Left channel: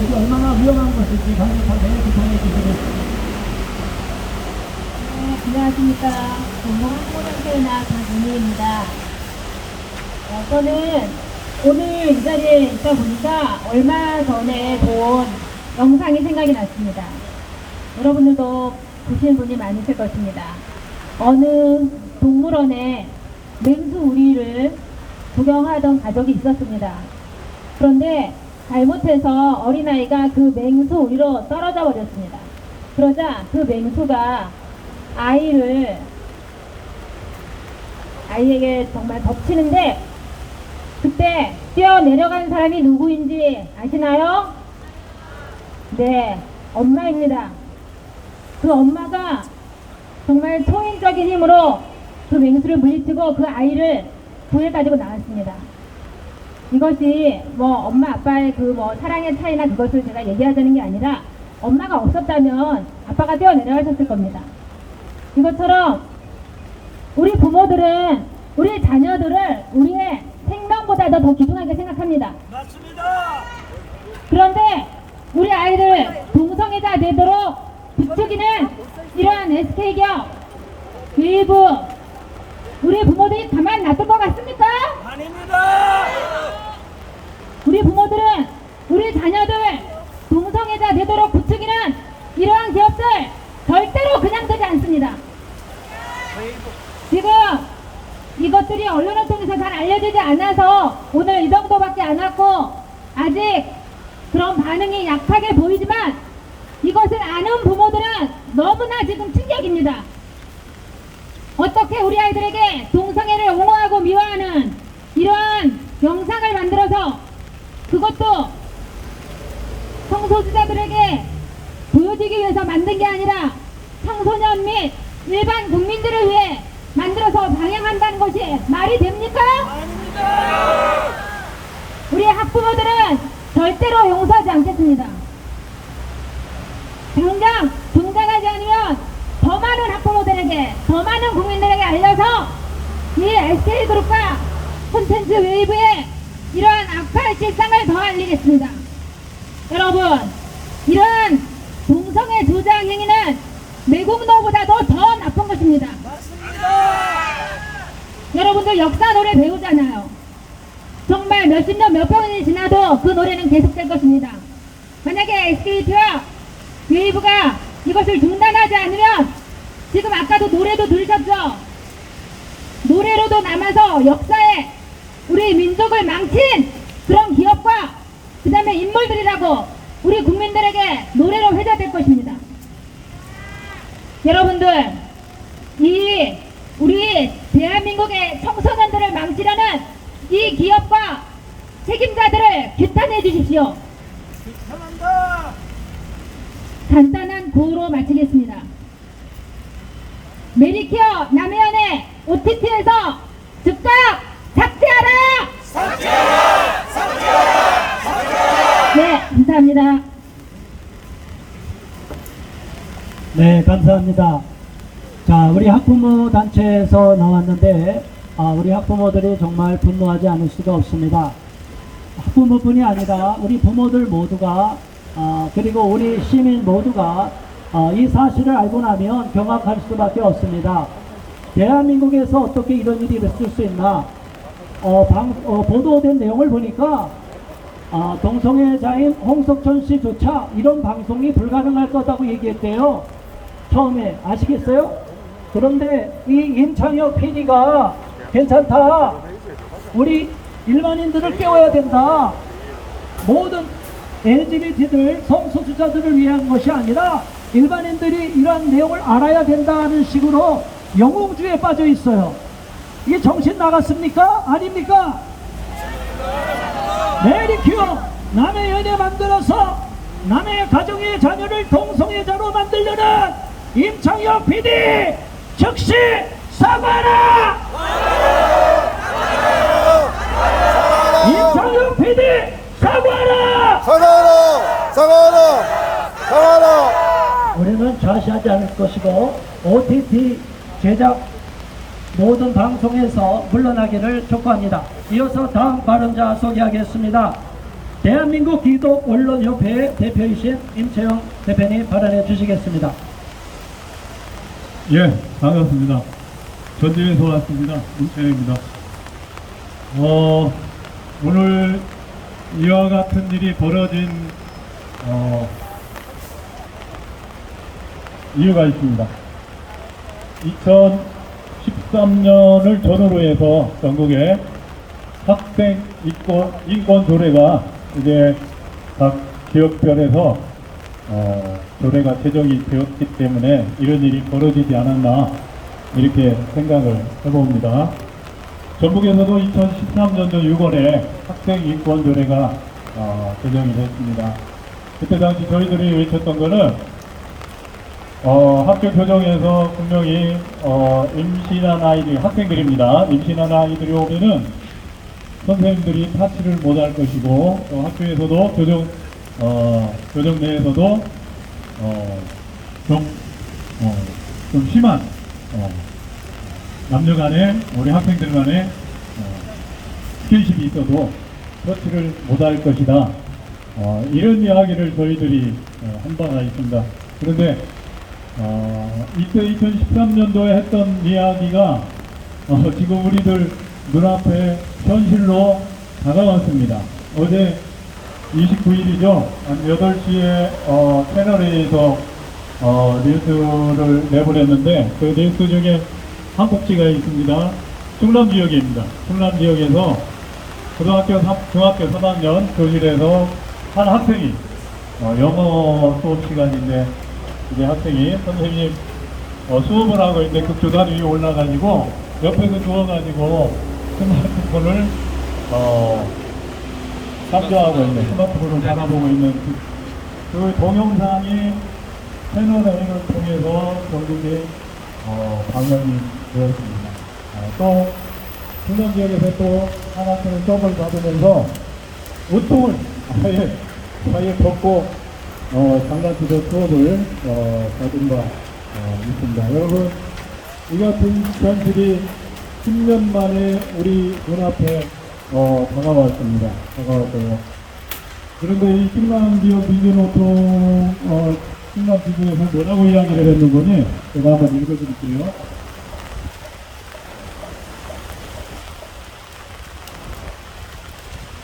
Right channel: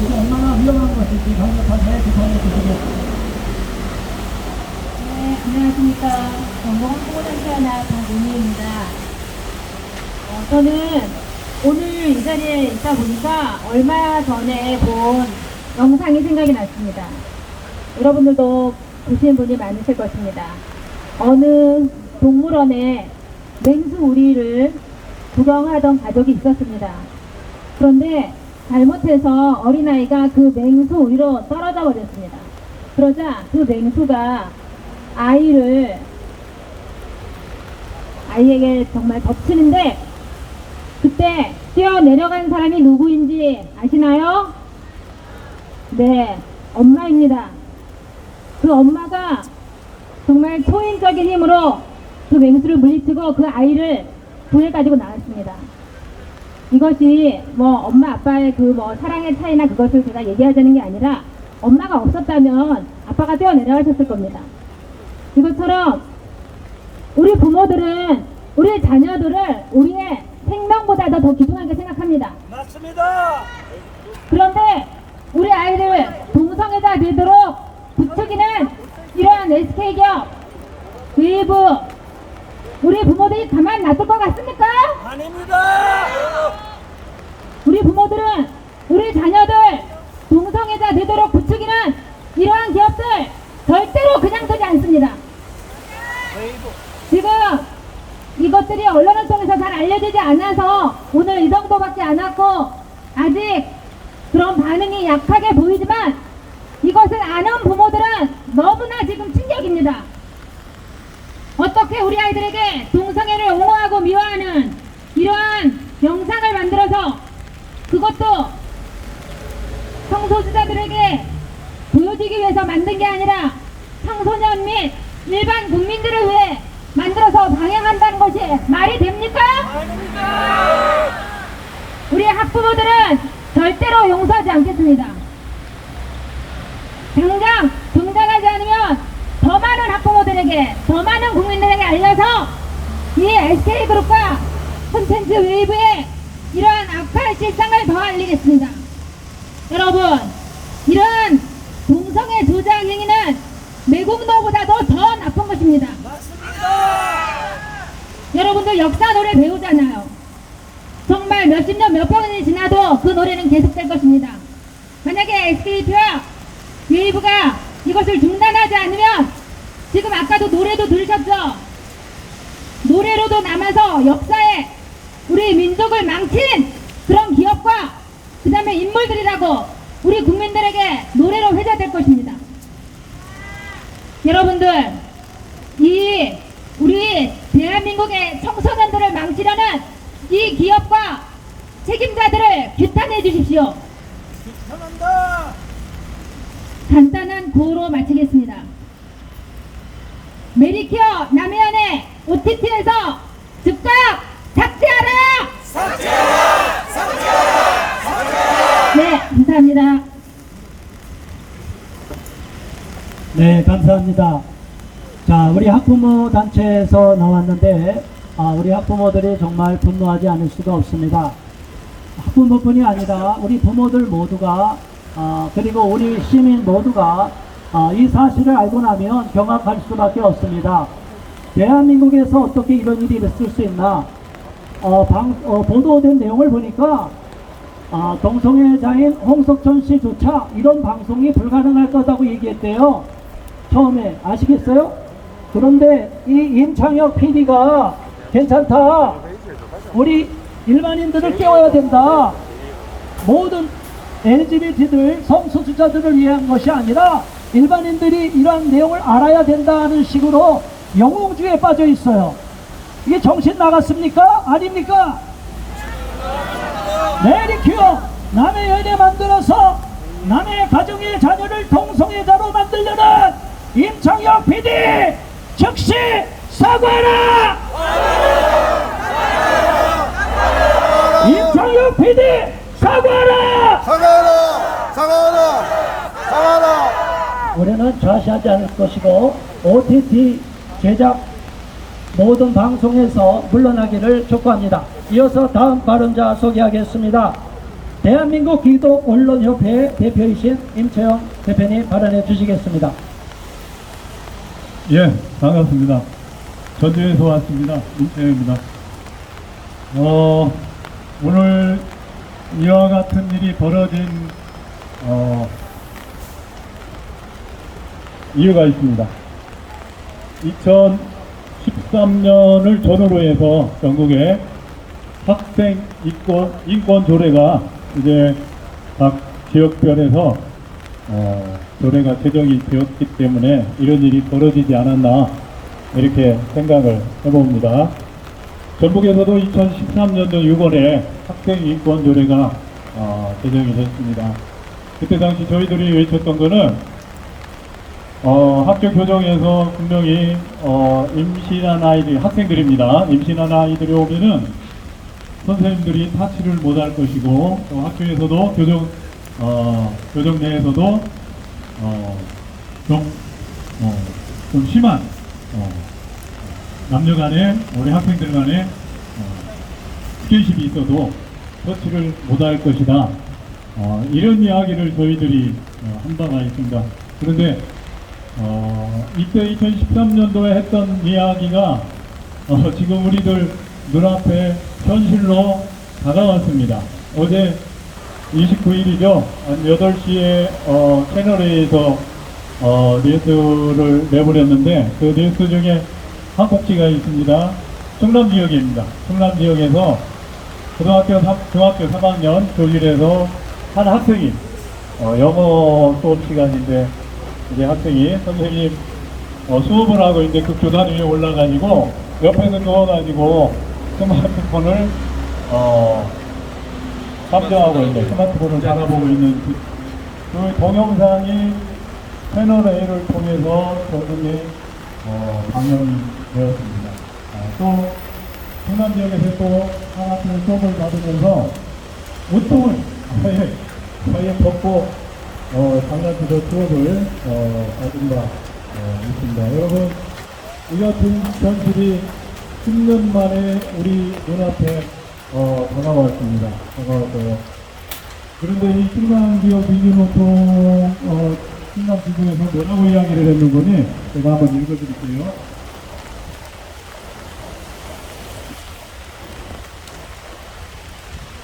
이게 얼마나 위험한 것인지 강력하게 비판해 주시겠습니다. 네, 안녕하십니까. 전국한국어단체연합 박윤희입니다. 저는 오늘 이 자리에 있다 보니까 얼마 전에 본 영상이 생각이 났습니다. 여러분들도 보시는 분이 많으실 것입니다. 어느 동물원에 맹수 우리를 구경하던 가족이 있었습니다. 그런데 잘못해서 어린아이가 그 맹수 우리로 떨어져 버렸습니다. 그러자 그 맹수가 아이에게 정말 덮치는데 그때 뛰어내려간 사람이 누구인지 아시나요? 네, 엄마입니다. 그 엄마가 정말 초인적인 힘으로 그 맹수를 물리치고 그 아이를 구해가지고 나왔습니다. 이것이 엄마 아빠의 사랑의 차이나 그것을 제가 얘기하자는 게 아니라 엄마가 없었다면 아빠가 뛰어내려가셨을 겁니다. 이것처럼 우리 부모들은 우리 자녀들을 우리의 생명보다도 더 귀중하게 생각합니다. 맞습니다. 그런데 우리 아이들 동성애자 되도록 부추기는 이러한 SK기업, 웨이브, 우리 부모들이 가만 놔둘 것 같습니까? 아닙니다. 우리 부모들은 우리 자녀들 동성애자 되도록 부추기는 이러한 기업들 절대로 그냥 두지 않습니다. 지금 이것들이 언론을 통해서 잘 알려지지 않아서 오늘 이 정도밖에 안 왔고 아직 그런 반응이 약하게 보이지만 이것을 아는 부모들은 너무나 지금 충격입니다. 어떻게 우리 아이들에게 동성애를 옹호하고 미화하는 이러한 영상을 만들어서 그것도 성소수자들에게 보여주기 위해서 만든 게 아니라 청소년 및 일반 국민들을 위해 만들어서 방영한다는 것이 말이 됩니까? 아닙니다. 우리 학부모들은 절대로 용서하지 않겠습니다. 당장 중단하지 않으면 더 많은 학부모들에게 더 많은 국민들에게 알려서 이 SK그룹과 콘텐츠 웨이브의 이러한 악한 실상을 더 알리겠습니다. 여러분, 이런 동성애 조장 행위는 매국노보다도 더 나쁜 것입니다. 여러분들 역사 노래 배우잖아요. 정말 몇십 년 몇 번이 지나도 그 노래는 계속될 것입니다. 만약에 SKT와 웨이브가 이것을 중단하지 않으면 지금 아까도 노래도 들으셨죠? 노래로도 남아서 역사에 우리 민족을 망친 그런 기업과 그 다음에 인물들이라고 우리 국민들에게 노래로 회자될 것입니다. 여러분들, 이 우리 대한민국의 청소년들을 망치려는 이 기업과 책임자들을 규탄해 주십시오. 감사합니다. 간단한 구호로 마치겠습니다. 메리케어 남해안의 OTT에서 즉각 삭제하라! 삭제하라! 삭제하라! 삭제하라! 네, 감사합니다. 네, 감사합니다. 자, 우리 학부모 단체에서 나왔는데 우리 학부모들이 정말 분노하지 않을 수가 없습니다. 학부모뿐이 아니라 우리 부모들 모두가 그리고 우리 시민 모두가 이 사실을 알고 나면 경악할 수밖에 없습니다. 대한민국에서 어떻게 이런 일이 있을 수 있나? 보도된 내용을 보니까 동성애자인 홍석천 씨조차 이런 방송이 불가능할 거다고 얘기했대요. 처음에 아시겠어요? 그런데 이 임창혁 PD가 괜찮다. 우리 일반인들을 깨워야 된다. 모든 LGBT들 성소수자들을 위한 것이 아니라 일반인들이 이런 내용을 알아야 된다는 식으로 영웅주의에 빠져 있어요. 이게 정신 나갔습니까? 아닙니까? 메리큐어 남의 연애 만들어서 남의 가정의 자녀를 동성애자로 만들려는 임창혁 PD 즉시 사과하라! 임창혁 PD 사과하라! 사과하라! 사과하라! 사과하라! 우리는 좌시하지 않을 것이고 OTT 제작 모든 방송에서 물러나기를 촉구합니다. 이어서 다음 발언자 소개하겠습니다. 대한민국 기독 언론협회 대표이신 임채영 대표님 발언해 주시겠습니다. 예, 반갑습니다. 전주에서 왔습니다. 임채영입니다. 오늘 이와 같은 일이 벌어진 이유가 있습니다. 2013년을 전후로 해서 전국에 학생 인권 조례가 이제 각 지역별에서 조례가 제정이 되었기 때문에 이런 일이 벌어지지 않았나 이렇게 생각을 해봅니다. 전국에서도 2013년도 6월에 학생 인권 조례가 제정이 됐습니다. 그때 당시 저희들이 외쳤던 거는 학교 교정에서 분명히 임신한 아이들, 학생들입니다. 임신한 아이들이 오면은 선생님들이 타치를 못할 것이고 학교에서도 교정 내에서도 좀 심한 남녀 간에 우리 학생들 간에 스킨십이 있어도 터치를 못할 것이다. 이런 이야기를 저희들이 한 바가 있습니다. 그런데 이때 2013년도에 했던 이야기가 지금 우리들 눈앞에 현실로 다가왔습니다. 어제 29일이죠. 한 8시에 채널A에서 뉴스를 내보냈는데 그 뉴스 중에 한 꼭지가 있습니다. 충남 지역입니다. 충남 지역에서 중학교 3학년 교실에서 한 학생이 영어 수업 시간인데 이제 학생이 선생님 수업을 하고 있는데 그 교단 위에 올라가지고 옆에서 누워가지고 스마트폰을 탐정하고 있는 스마트폰을 바라보고 있는 그 동영상이 채널A를 통해서 전국에 방영이 되었습니다. 또 충남 지역에서 또 한 학생은 수업을 받으면서 옷통을 사이에 벗고 장난치도 수업을 받은 바 있습니다. 여러분, 이 같은 현실이 10년 만에 우리 눈앞에 다가왔습니다. 다가왔어요. 그런데 이 충남 지역 비주노트 충남 지구에서 뭐라고 이야기를 했는지 제가 한번 읽어드릴게요.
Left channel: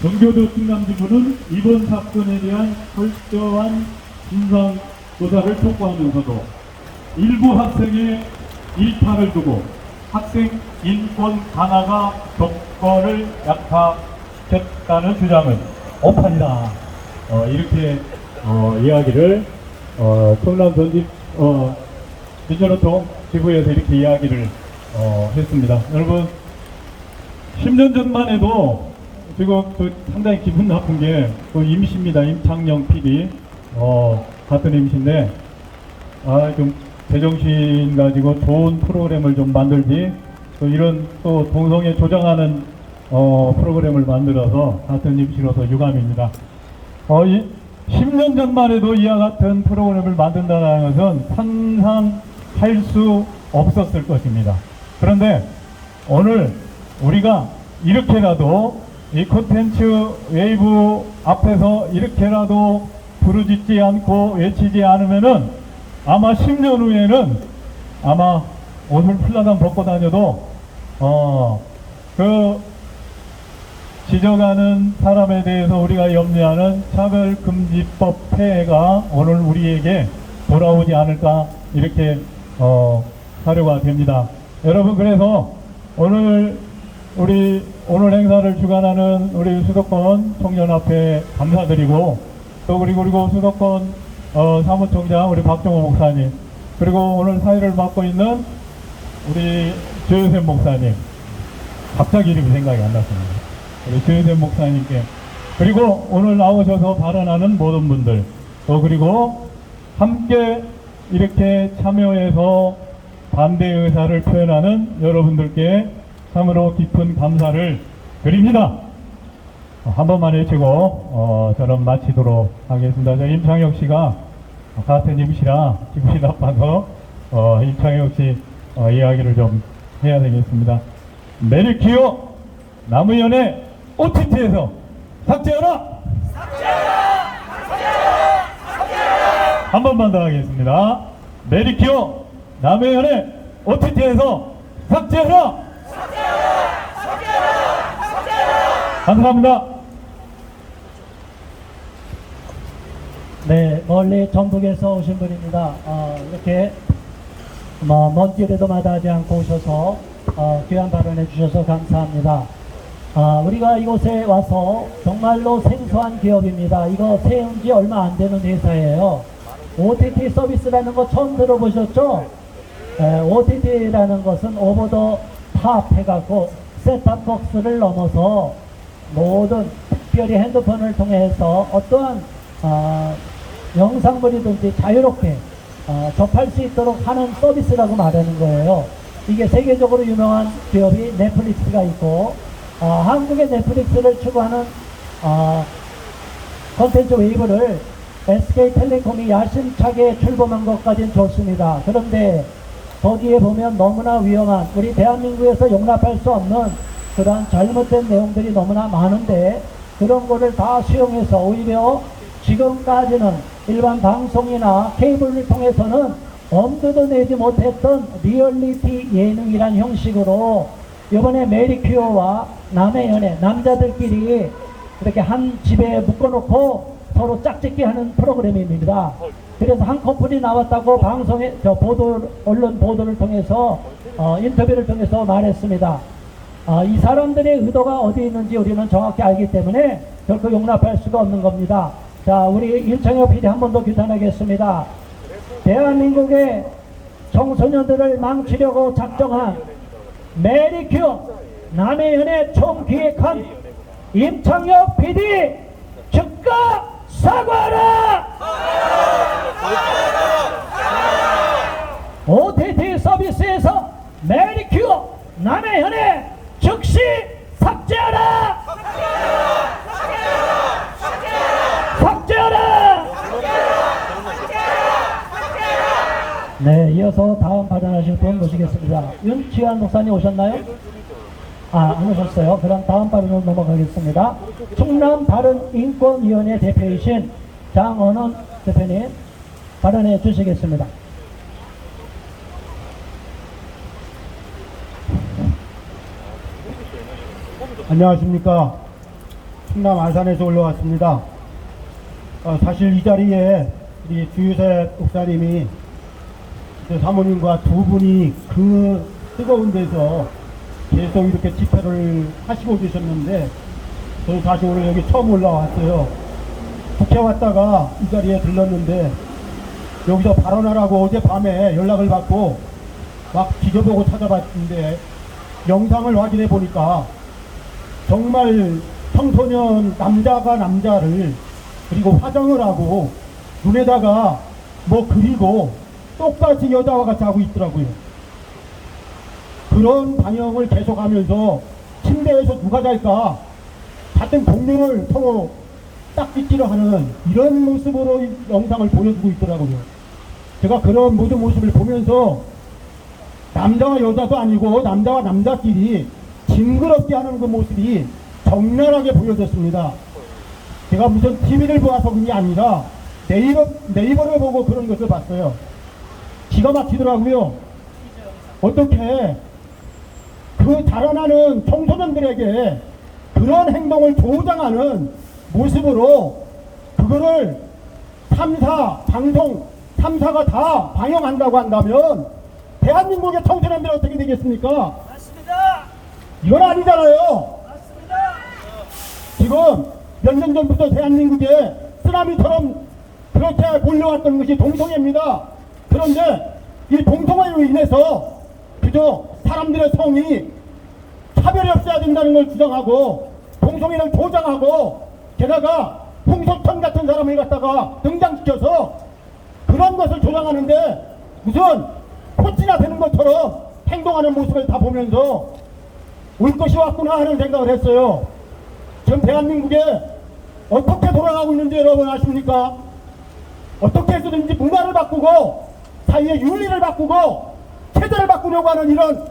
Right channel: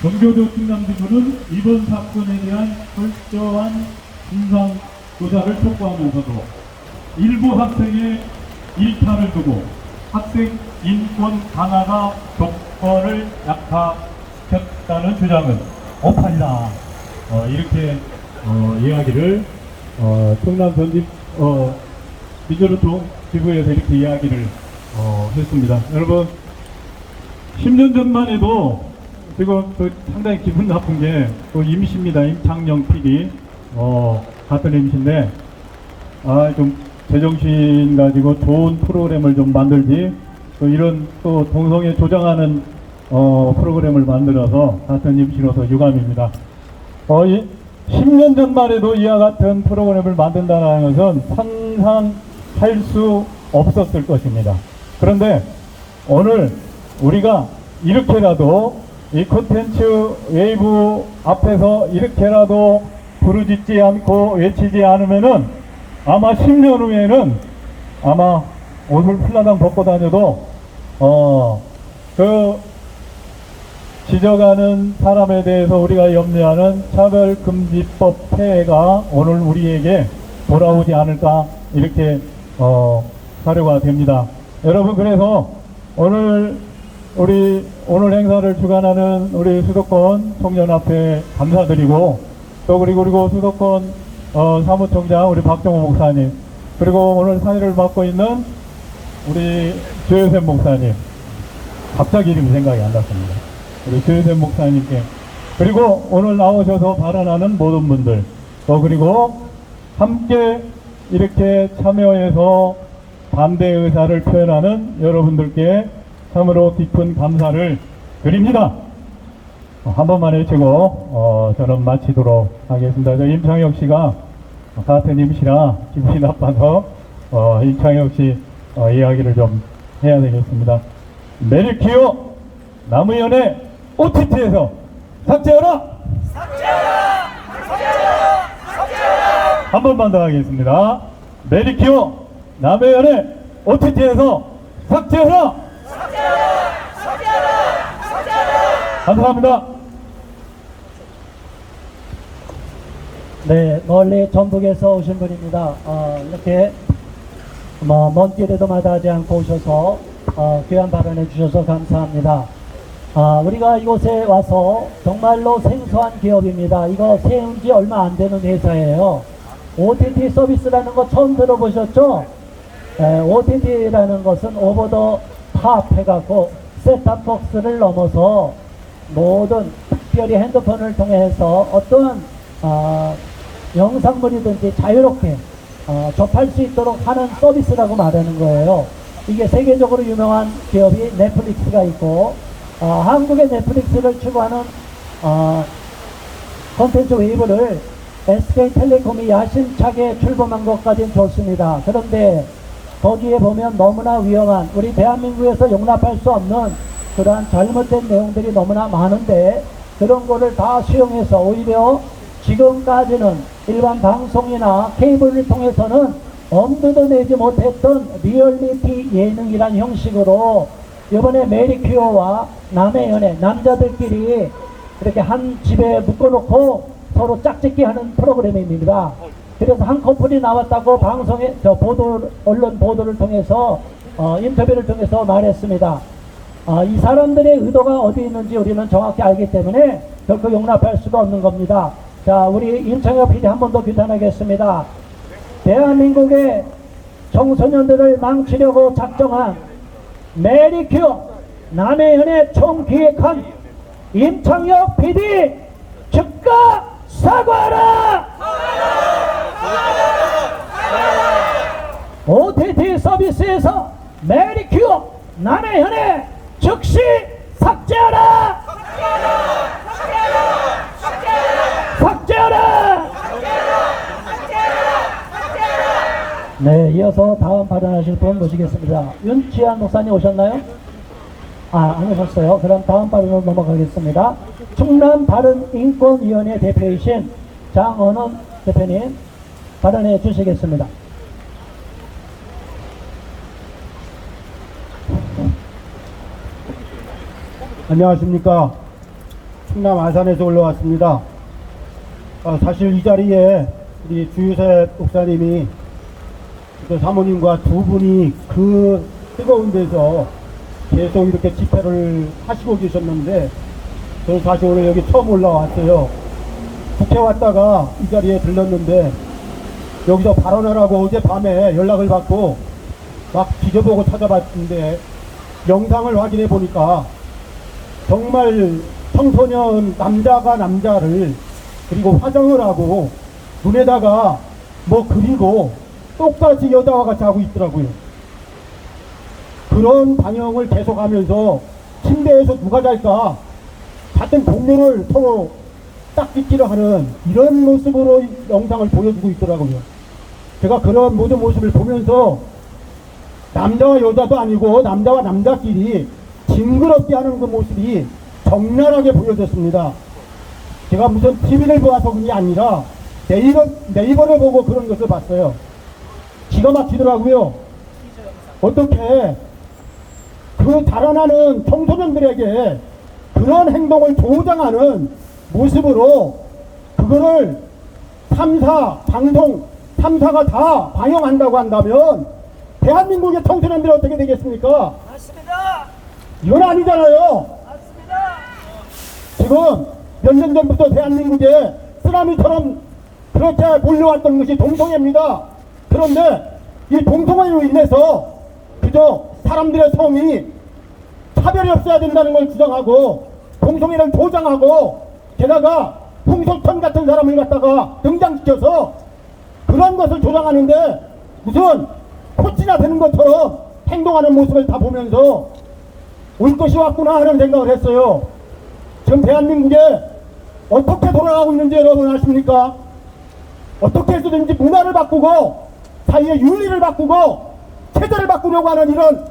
경기도 충남지구는 이번 사건에 대한 철저한 진상 조사를 촉구하면서도 일부 학생의 일탈을 두고 학생 인권 강화가 조건을 약화시켰다는 주장은 오판이다. 이렇게 이야기를 충남 전직 비주노트 지구에서 이렇게 이야기를 했습니다. 여러분, 10년 전만 해도 지금 상당히 기분 나쁜 게 또 임시입니다. 임창영 PD 같은 임시인데 좀 제정신 가지고 좋은 프로그램을 좀 만들지 또 이런 또 동성애 조장하는 프로그램을 만들어서 같은 임시로서 유감입니다. 10년 전만 해도 이와 같은 프로그램을 만든다는 것은 상상할 수 없었을 것입니다. 그런데 오늘 우리가 이렇게라도 이 콘텐츠 웨이브 앞에서 이렇게라도 부르짖지 않고 외치지 않으면은 아마 10년 후에는 아마 옷을 풀라당 벗고 다녀도 그 지적하는 사람에 대해서 우리가 염려하는 차별금지법 폐해가 오늘 우리에게 돌아오지 않을까 이렇게 사료가 됩니다. 여러분, 그래서 오늘 행사를 주관하는 우리 수도권 청년합회 감사드리고 또 그리고 수도권 사무총장 우리 박정호 목사님 그리고 오늘 사회를 맡고 있는 우리 조효샘 목사님 갑자기 이름이 생각이 안 났습니다. 우리 조효샘 목사님께 그리고 오늘 나오셔서 발언하는 모든 분들 또 그리고 함께 이렇게 참여해서 반대 의사를 표현하는 여러분들께 참으로 깊은 감사를 드립니다. 한 번만 해치고 저는 마치도록 하겠습니다. 저 임창혁 씨가 같은 임시라 기분이 나빠서 임창혁 씨 이야기를 좀 해야 되겠습니다. 메리키오 남의연의 OTT에서 삭제하라! 한 번만 더 하겠습니다. 메디큐어 남의 연애 OTT에서 삭제하라! 감사합니다. 네, 멀리 전북에서 오신 분입니다. 이렇게 먼 길에도 마다하지 않고 오셔서 귀한 발언해 주셔서 감사합니다. 우리가 이곳에 와서 정말로 생소한 기업입니다. 이거 세운 지 얼마 안 되는 회사예요. OTT 서비스라는 거 처음 들어보셨죠? OTT라는 것은 오버 더 탑 해갖고 셋탑박스를 넘어서 모든 특별히 핸드폰을 통해서 어떠한 영상물이든지 자유롭게 접할 수 있도록 하는 서비스라고 말하는 거예요. 이게 세계적으로 유명한 기업이 넷플릭스가 있고 한국의 넷플릭스를 추구하는 콘텐츠 웨이브를 SK텔레콤이 야심차게 출범한 것까지는 좋습니다. 그런데 거기에 보면 너무나 위험한, 우리 대한민국에서 용납할 수 없는 그러한 잘못된 내용들이 너무나 많은데 그런 거를 다 수용해서 오히려 지금까지는 일반 방송이나 케이블을 통해서는 엄두도 내지 못했던 리얼리티 예능이란 형식으로 이번에 메리큐어와 남의 연애, 남자들끼리 이렇게 한 집에 묶어놓고 서로 짝짓기 하는 프로그램입니다. 그래서 한 커플이 나왔다고 방송에 언론 보도를 통해서 인터뷰를 통해서 말했습니다. 이 사람들의 의도가 어디 있는지 우리는 정확히 알기 때문에 결코 용납할 수가 없는 겁니다. 자, 우리 윤창혁 PD 한 번 더 규탄하겠습니다. 대한민국의 청소년들을 망치려고 작정한 메리큐어 남의 연애 총기획한 임창혁 PD 즉각 사과하라! OTT 서비스에서 메리큐어 남의 연애 즉시 삭제하라! 삭제하라! 네, 이어서 다음 발언하실 분 모시겠습니다. 윤치한 목사님 오셨나요? 안 오셨어요. 그럼 다음 발언으로 넘어가겠습니다. 충남 바른인권위원회 대표이신 장언원 대표님 발언해 주시겠습니다. 안녕하십니까. 충남 아산에서 올라왔습니다. 사실 이 자리에 우리 주유세 목사님이 그때 사모님과 두 분이 그 뜨거운 데서 계속 이렇게 집회를 하시고 계셨는데 저는 사실 오늘 여기 처음 올라왔어요. 국회 왔다가 이 자리에 들렀는데 여기서 발언하라고 어젯밤에 연락을 받고 막 뒤져보고 찾아봤는데 영상을 확인해 보니까 정말 청소년 남자가 남자를 그리고 화장을 하고 눈에다가 뭐 그리고 똑같이 여자와 같이 하고 있더라고요. 그런 방영을 계속하면서 침대에서 누가 잘까 같은 동료를 서로 짝짓기를 하는 이런 모습으로 영상을 보여주고 있더라고요. 제가 그런 모든 모습을 보면서 남자와 여자도 아니고 남자와 남자끼리 징그럽게 하는 그 모습이 적나라하게 보여졌습니다. 제가 무슨 TV를 보아서 그게 아니라 네이버를 보고 그런 것을 봤어요. 기가 막히더라고요. 어떻게 그 달아나는 청소년들에게 그런 행동을 조장하는 모습으로 그거를 3사 방송 3사가 다 방영한다고 한다면 대한민국의 청소년들이 어떻게 되겠습니까? 맞습니다. 이건 아니잖아요. 맞습니다. 지금 몇 년 전부터 대한민국에 쓰나미처럼 그렇게 몰려왔던 것이 동성애입니다. 그런데 이 동성애로 인해서 그저 사람들의 성이 차별이 없어야 된다는 걸 주장하고 동성애를 조장하고 게다가 홍석천 같은 사람을 갖다가 등장시켜서 그런 것을 조장하는데 무슨 코치나 되는 것처럼 행동하는 모습을 다 보면서 올 것이 왔구나 하는 생각을 했어요. 지금 대한민국에 어떻게 돌아가고 있는지 여러분 아십니까? 어떻게 해서든지 문화를 바꾸고 사회의 윤리를 바꾸고 체제를 바꾸려고 하는 이런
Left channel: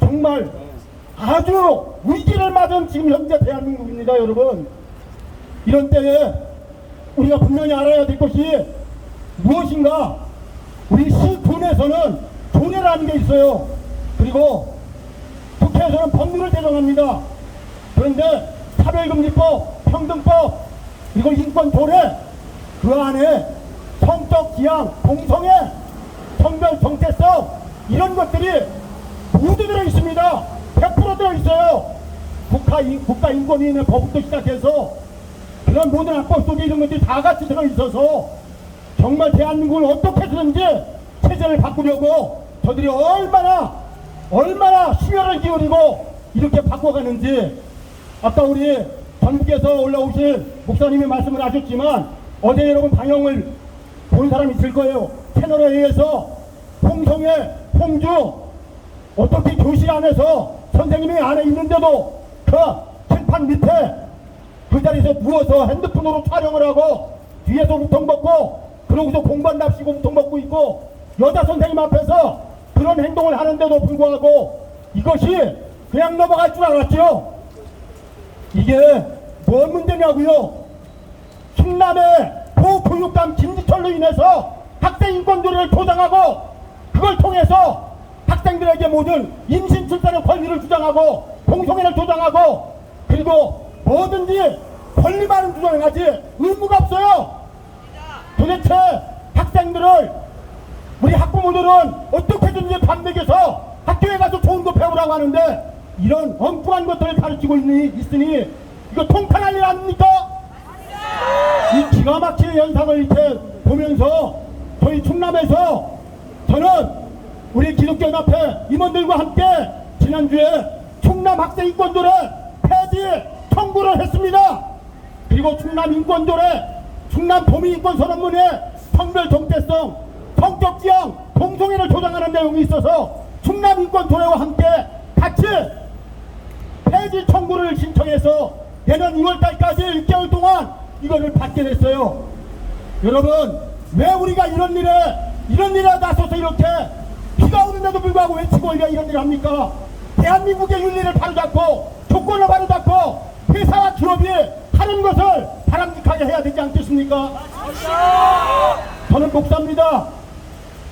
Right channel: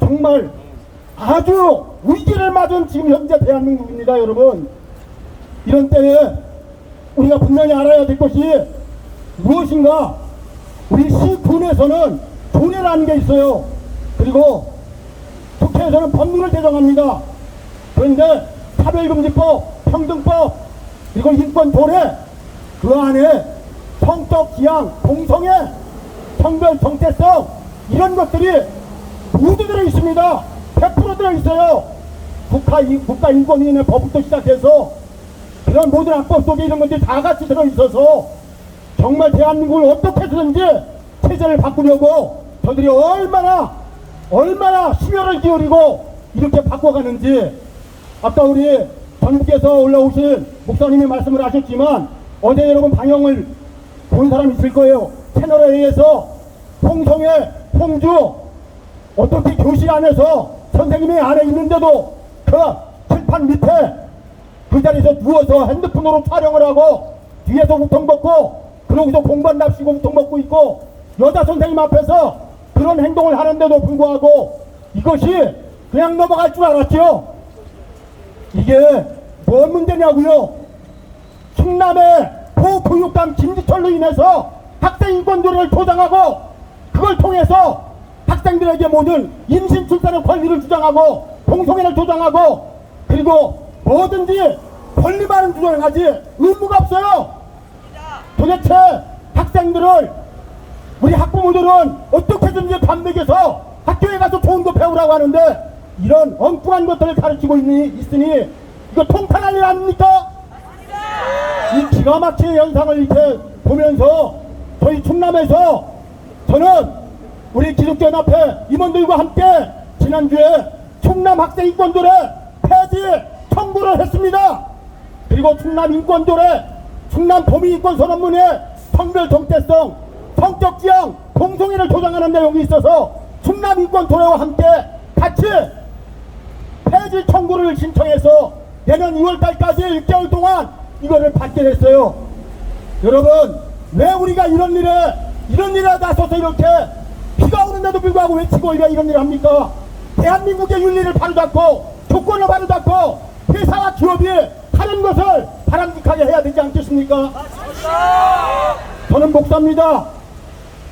정말 아주 위기를 맞은 지금 현재 대한민국입니다. 여러분 이런 때에 우리가 분명히 알아야 될 것이 무엇인가? 우리 시군에서는 조례라는 게 있어요. 그리고 국회에서는 법률을 제정합니다. 그런데 차별금지법, 평등법, 그리고 인권조례, 그 안에 성적 지향, 동성애, 성별 정체성, 이런 것들이 모두 들어있습니다. 100% 들어있어요. 국가인권위원회 법부터 시작해서 그런 모든 악법 속에 이런 것들이 다 같이 들어있어서 정말 대한민국을 어떻게 해서든지 체제를 바꾸려고 저들이 얼마나 수혈을 기울이고 이렇게 바꿔가는지, 아까 우리 전국에서 올라오신 목사님이 말씀을 하셨지만 어제 여러분 방영을 본 사람이 있을 거예요. 채널에 의해서 홍성애, 홍주 어떻게 교실 안에서 선생님이 안에 있는데도 그 칠판 밑에 그 자리에서 누워서 핸드폰으로 촬영을 하고 뒤에서 우통 먹고 그러고서 공부한 납시고 우통 먹고 있고 여자 선생님 앞에서 그런 행동을 하는데도 불구하고 이것이 그냥 넘어갈 줄 알았죠. 이게 뭔 문제냐고요. 충남의 보교육감 김지철로 인해서 학생인권조례를 조장하고 그걸 통해서 학생들에게 모든 임신 출산의 권리를 주장하고 동성애를 조장하고 그리고 뭐든지 권리만은 주장하지 의무가 없어요. 도대체 학생들을 우리 학부모들은 어떻게든지 밥 먹여서 학교에 가서 좋은 거 배우라고 하는데 이런 엉뚱한 것들을 가르치고 있으니 이거 통탄할 일 아닙니까? 이 기가 막힌 현상을 이렇게 보면서 저희 충남에서 저는 우리 기독교연합회 임원들과 함께 지난주에 충남 학생인권조례 폐지 청구를 했습니다. 그리고 충남 인권조례, 충남 도민인권선언문에 성별 정체성, 성적 지향, 동성애를 조장하는 내용이 있어서 충남 인권조례와 함께 같이 폐지 청구를 신청해서 내년 2월달까지 1개월 동안 이거를 받게 됐어요. 여러분, 왜 우리가 이런 일에 나서서 이렇게 비가 오는데도 불구하고 외치고 우리가 이런 일을 합니까? 대한민국의 윤리를 바로잡고 조건을 바로잡고 회사와 기업이 하는 것을 바람직하게 해야 되지 않겠습니까? 저는 목사입니다.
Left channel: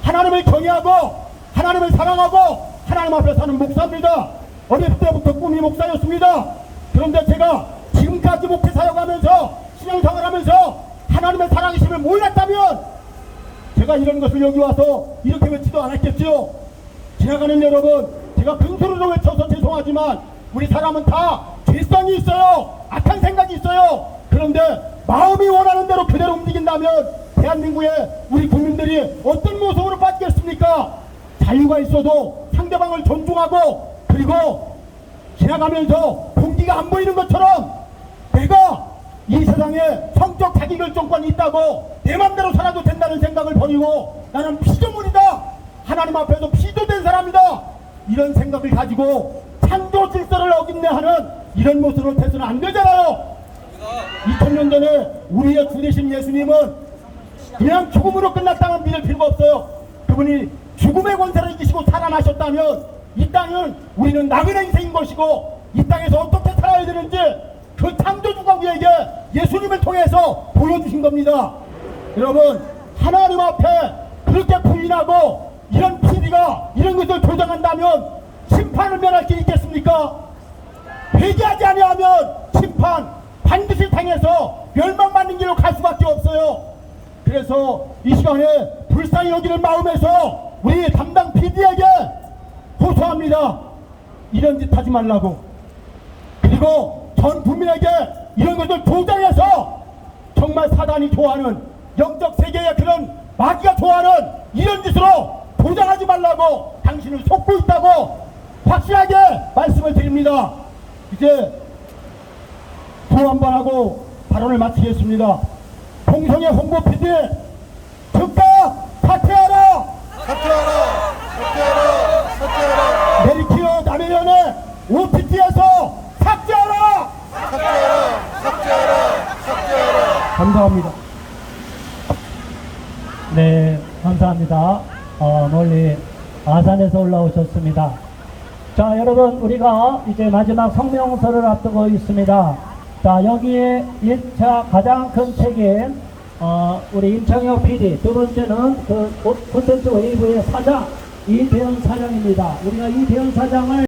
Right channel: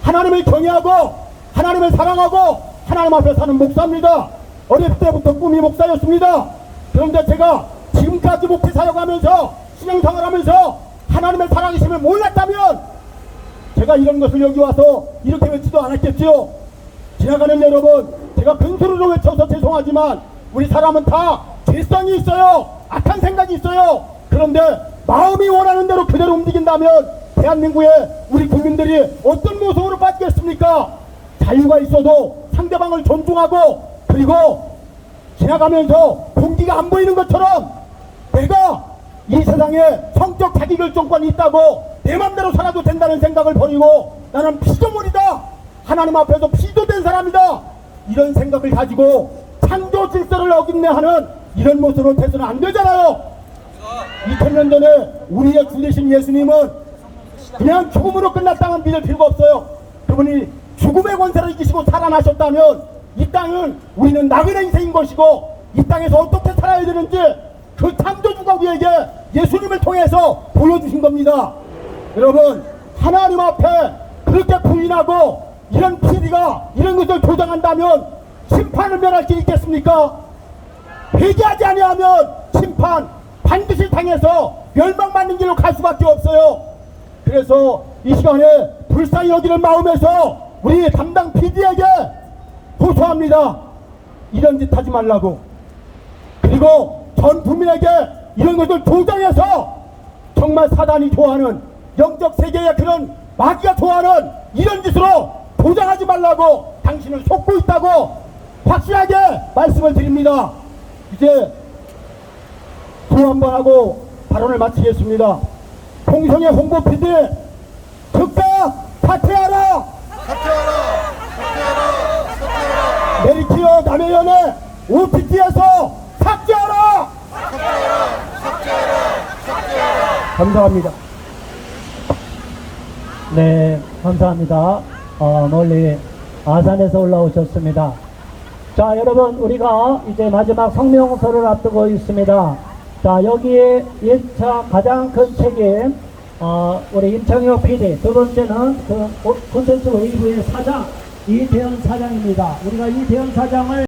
하나님을 경외하고 하나님을 사랑하고 하나님 앞에 사는 목사입니다. 어릴 때부터 꿈이 목사였습니다. 그런데 제가 지금까지 목회 사역하면서 신앙생활하면서 하나님의 사랑이심을 몰랐다면 제가 이런 것을 여기 와서 이렇게 외치도 않았겠지요. 지나가는 여러분, 제가 근소리로 외쳐서 죄송하지만 우리 사람은 다 죄성이 있어요. 악한 생각이 있어요. 그런데 마음이 원하는 대로 그대로 움직인다면 대한민국의 우리 국민들이 어떤 모습으로 빠지겠습니까? 자유가 있어도 상대방을 존중하고 그리고 지나가면서 공기가 안 보이는 것처럼 내가 이 세상에 성적 자기결정권이 있다고 내 맘대로 살아도 된다는 생각을 버리고 나는 피조물이다, 하나님 앞에서 피조된 사람이다, 이런 생각을 가지고 창조 질서를 어긴내 하는 이런 모습으로 돼서는 안 되잖아요. 2000년 전에 우리의 주 되신 예수님은 그냥 죽음으로 끝났다면 믿을 필요가 없어요. 그분이 죽음의 권세를 이기시고 살아나셨다면 이 땅은 우리는 나그네 인생인 것이고 이 땅에서 어떻게 살아야 되는지 그 창조주가 우리에게 예수님을 통해서 보여주신 겁니다. 여러분, 하나님 앞에 그렇게 부인하고 이런 PD가 이런 것을 조장한다면 심판을 면할 수 있겠습니까? 회개하지 아니하면 심판 반드시 당해서 멸망받는 길로 갈 수밖에 없어요. 그래서 이 시간에 불쌍히 여기는 마음에서 우리 담당 PD에게 호소합니다. 이런 짓 하지 말라고. 그리고 전 국민에게 이런 것을 조장해서 정말 사단이 좋아하는 영적 세계의 그런 마귀가 좋아하는 이런 짓으로 조장하지 말라고 당신을 속고 있다고 확실하게 말씀을 드립니다. 이제 또 한 번 하고 발언을 마치겠습니다. 홍성의 홍보 PD 즉각 사퇴하라! 사퇴하라! 사퇴하라! 사퇴하라! 메리키어 남해연의 OTT에서 삭제하라! 삭제하라! 삭제하라! 삭제하라! 감사합니다. 네, 감사합니다. 멀리 아산에서 올라오셨습니다. 자, 여러분, 우리가 이제 마지막 성명서를 앞두고 있습니다. 자, 여기에 1차 가장 큰 책임 우리 임창혁 PD, 두 번째는 그 콘텐츠 웨이브의 사장 이대현 사장입니다. 우리가 이대현 사장을